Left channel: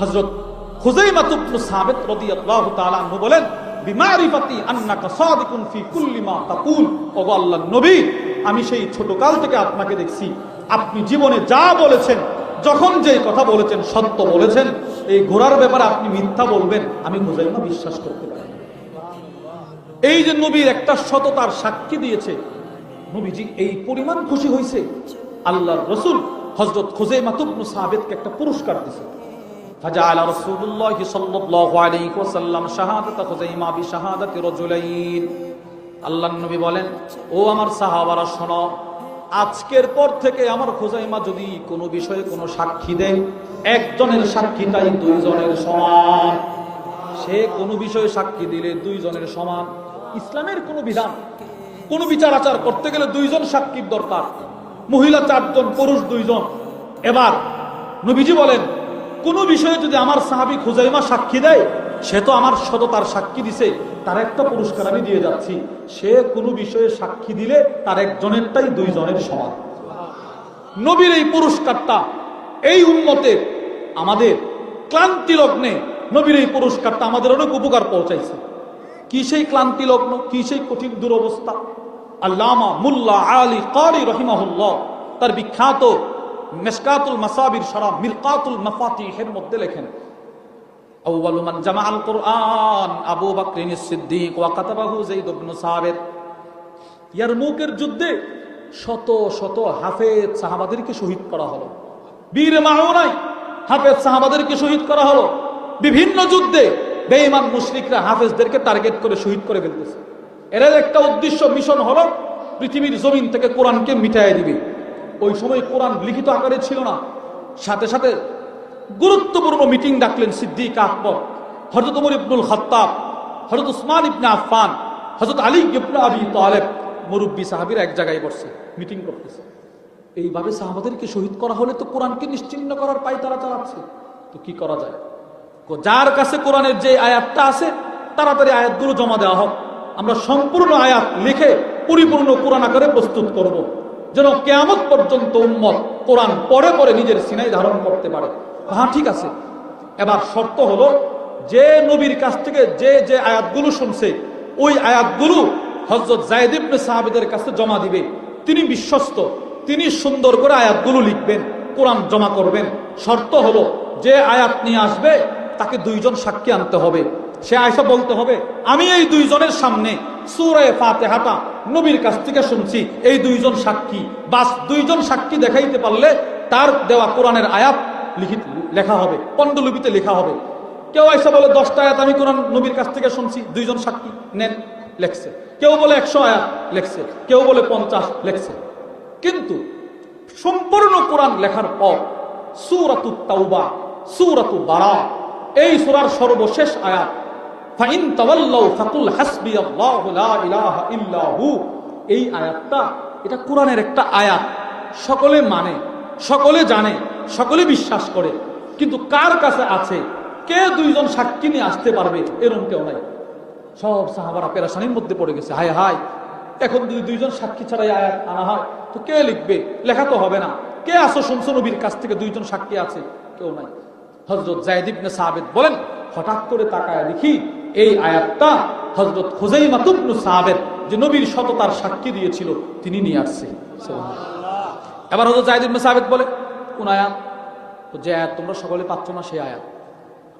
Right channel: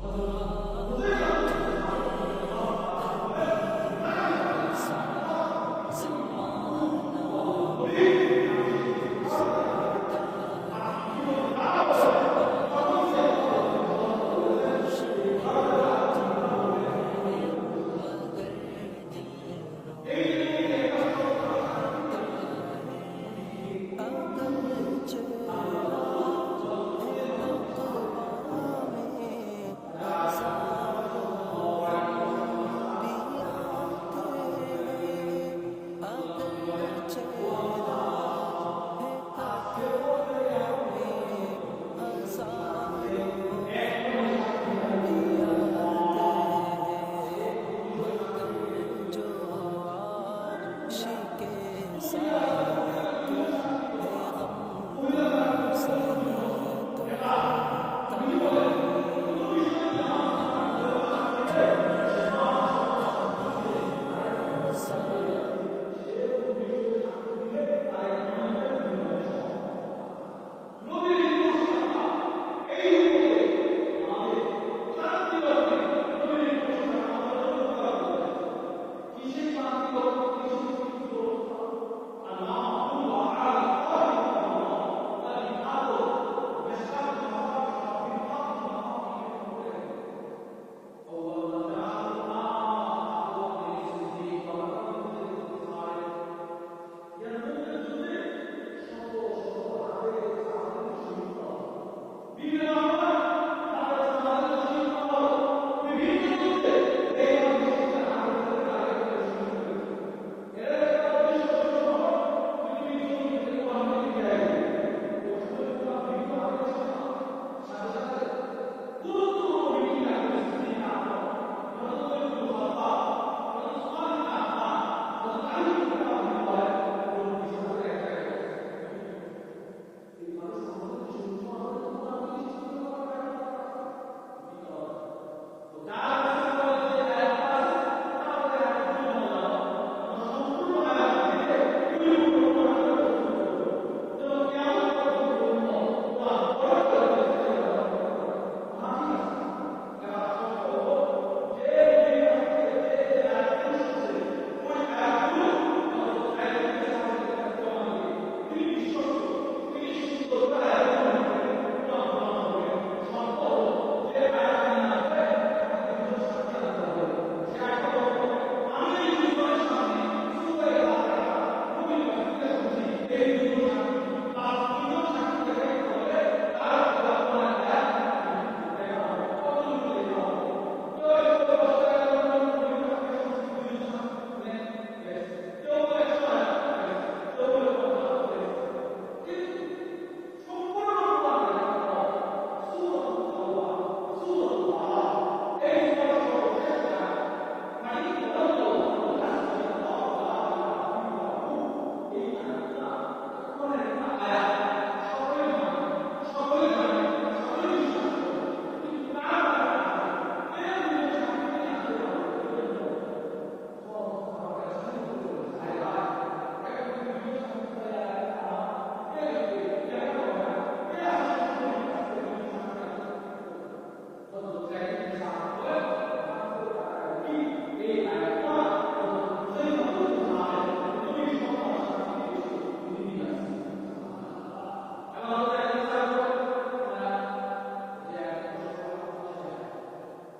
হযরত হুযাইমা ইবনে সাবিত তাআলা আনহু বলেন, বিমারিফাতি আন্নাকা সাদিকুন নবী, আমি সেই ছোট কাল থেকে আপনাকে দেখছি। আপনি জীবনে যা বলেছেন, যখন যে কথা বলেছেন, সত্য বলেছেন, এই ঘোড়ার ব্যাপারে আপনি মিথ্যা বলবেন, আমি হুযাইমা বিশ্বাস করতে পারি। এই যে নবীর একটা সততার সাক্ষী দিয়েছে, নবীজি এই পরিমাণ খুশি হয়েছে আল্লাহ রসুল হজরত খুজাইমা তুবনু সাহাবেদকে একটা পুরস্কার দিয়েছে। فجعل رسول الله صلى الله عليه وسلم شهادة خزيمة بشهادة رجلين আল্লাহ নবী বলেন ও আমার সাহাবারা শোনো আজকের পর থেকে আমার খোজাইমা যদি কোনো বিষয়ে কোনো সাক্ষী দেয় একজনের সাক্ষীটাই দুইজনের সমান সে কোনো বিষয়ে সাক্ষী দিলে দুইজনের সমান ইসলামের কোনো বিধান কোন বিচার আচার করতে গেলে দুইজন সাক্ষীর দরকার মহিলা চারজন পুরুষ দুইজন এবার নবীজি বলেন কোন বিষয়ে যদি আমার সাহাবি খুজাইমা সাক্ষী দেয়, সে তো আমার সততার সাক্ষী দিছে। তার একটা পুরস্কার আমি দিয়ে যাচ্ছি। সে কোনো বিষয়ে সাক্ষী দিলে তার একজনেরটাই দুইজনের সমান। নবীর এই পুরস্কারটা এই উন্মতে আমাদের ক্লান্তি লগ্নে নবীর এই পুরস্কারটা আমাদের অনেক উপকার পৌঁছাইছে। কি সেই ক্লান্তি লগ্ন? কি সেই কঠিন দুরবস্থা? আল্লামা মুল্লা আলী কারি রহিমাহুল্লাহ, তার বিখ্যাত মেসকাতুল মাসাবির সারা মিরকাতুল মাফাতিহের মধ্যে লেখেন, আউয়ালু মান জামাআল কুরআন, আবু বকর সিদ্দিক, ওয়া কাতাবাহু যায়েদ ইবনে সাবিত। ইয়ারমুকের যুদ্ধে শত শত হাফেজ সাহাবাদেরকে শহীদ করা হলো। বীর মাওনাই হাফেজ সাহাবাদেরকে শহীদ করা হলো। বিভিন্ন যুদ্ধে বেঈমান মুশরিকরা হাফেজদেরকে টার্গেট করে শহীদ করে ফেলতেছে। এর একটা উদ্দেশ্য, মিশন হলো পৃথিবীর জমিন থেকে কোরআনকে মিটাই দিবে। ওই সময় কোরআন লিখিত আকারে ছিল না। সাথে সাথে গুরুত্বপূর্ণ মিটিং ডাকলেন সিদ্দিক আকবর হজরত উমর ইবনুল খত্তাব হজরত উসমান ইবনে আফফান হজরত আলী ইবনে আবি তালেব, মুরব্বী সাহাবীরা এক জায়গায় বসছে, মিটিং করতেছে। এইভাবে সাহাবাদেরকে শহীদ করা হলে তো কোরআনকে নিশ্চিন্ন করার পাই তারা চালাচ্ছে। তো কি করা যায়? যার কাছে কোরআনের যে আয়াতটা আছে, তাড়াতাড়ি আয়াতগুলো জমা দেওয়া হোক। আমরা সম্পূর্ণ আয়াত লিখে পরিপূর্ণ কোরআন আকারে প্রস্তুত করব। যেন কেয়ামত পর্যন্ত উম্মত কোরআন পরে পরে নিজের সিনাই ধারণ করতে পারে। হ্যাঁ ঠিক আছে। এবার শর্ত হলো, যে নবীর কাছ থেকে যে যে আয়াতগুলো শুনছে, ওই আয়াতগুলো হজরত জায়দ ইবনে সাহাবিদের কাছে জমা দিবে। তিনি বিশ্বস্ত, তিনি সুন্দর করে আয়াতগুলো লিখবেন, কোরআন জমা করবেন। শর্ত হলো, যে আয়াত নিয়ে আসবে, তাকে দুইজন সাক্ষী আনতে হবে। সে আয়সা বলতে হবে, আমি এই দুইজনের সামনে সুরায় ফাতেহাটা নবীর কাছ থেকে শুনছি, এই দুইজন সাক্ষী। বাস দুইজন সাক্ষী দেখাইতে পারলে তার দেওয়া কোরআনের আয়াত লিখিত, লেখা হবে, পণ্ডলিপিতে লেখা হবে। কেউ আয়সা বলে, দশটা আয়াত আমি কোরআন নবীর কাছ থেকে শুনছি, দুইজন সাক্ষী নেন, লেখছে। কেউ বলে, একশো আয়াত লেখছে, কেউ বলে পঞ্চাশ লেখছে। কিন্তু সম্পূর্ণ কোরআন লেখার পর সুরাতু তাওবা সুরাতু বারা এই সুরার সর্বশেষ আয়াত ফাইন তাওয়াল্লাউ ফাকুল হাসবিয়াল্লাহু লা ইলাহা ইল্লা হু। এই আয়াতটা, এটা কোরআনের একটা আয়াত। সকলে মানে সকলে জানে, সকলে বিশ্বাস করে। কিন্তু কার কাছে আছে? কে দুইজন সাক্ষী নিয়ে আসতে পারবে? এরকম কেউ নাই। সব সাহাবারা পেরাশানির মধ্যে পড়ে গেছে। হায় হায়। এখন যদি দুইজন সাক্ষী ছাড়াই আয়াত আনা হয়, তো কে লিখবে? লেখা তো হবে না। কে আসো শুনছো নবীর কাছ থেকে দুইজন সাক্ষী আছে? কেউ নাই। হজরত জায়দ ইবনে সাহাবেদ বলেন হঠাৎ করে তাকায় দেখি এই আয়াতটা হজরত হুজাইমা তুবনু সাহাবেদ যে নবীর সততার সাক্ষী দিয়েছিল, তিনি নিয়ে আসছে। এবার হজরত জায়দ ইবনে সাহাবেদ বলে, কোন আয়াত? যে আয়াত তোমরা সকলে পাচ্ছ না, সেই আয়াত।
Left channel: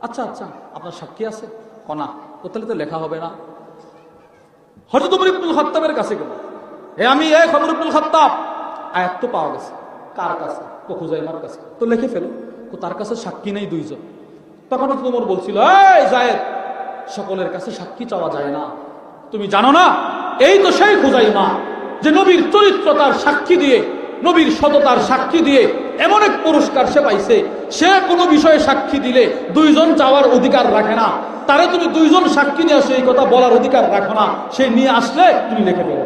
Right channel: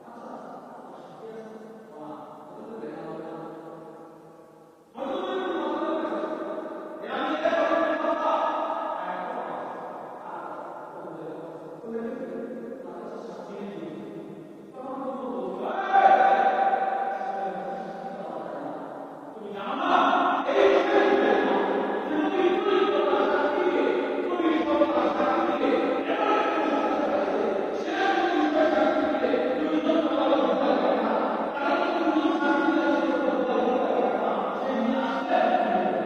আচ্ছা আচ্ছা আপনার সাক্ষী আছে? কনা ও, তাহলে তো লেখা হবে না। হজরত উমর ইবনুল খাত্তাবের কাছে গেল। এ আমি, এ খবর ইবনুল খাত্তাব। আয়াত তো পাওয়া গেছে। কার কাছে? তো খুজাইমার কাছে। তো লিখে ফেলো। তো তার কাছে সাক্ষী নেই দুইজন। তখন উমর বলছিল, এই সকলের কাছে সাক্ষী চাওয়া যায় না। তুমি জানো না? এই তো সেই খুজাইমা যে নবীর চরিত্র তার সাক্ষী দিয়ে, নবীর সততার সাক্ষী দিয়ে এমন এক পুরস্কার সে পাইছে। সে কোনো বিষয়ে সাক্ষী দিলে দুইজন চাওয়ার অধিকার রাখে না। তারে তুমি দুইজন সাক্ষী নিয়ে আসে এই কথা বলার অধিকার রাখো না। সে নিয়ে আসলে তুমি লিখে দেবে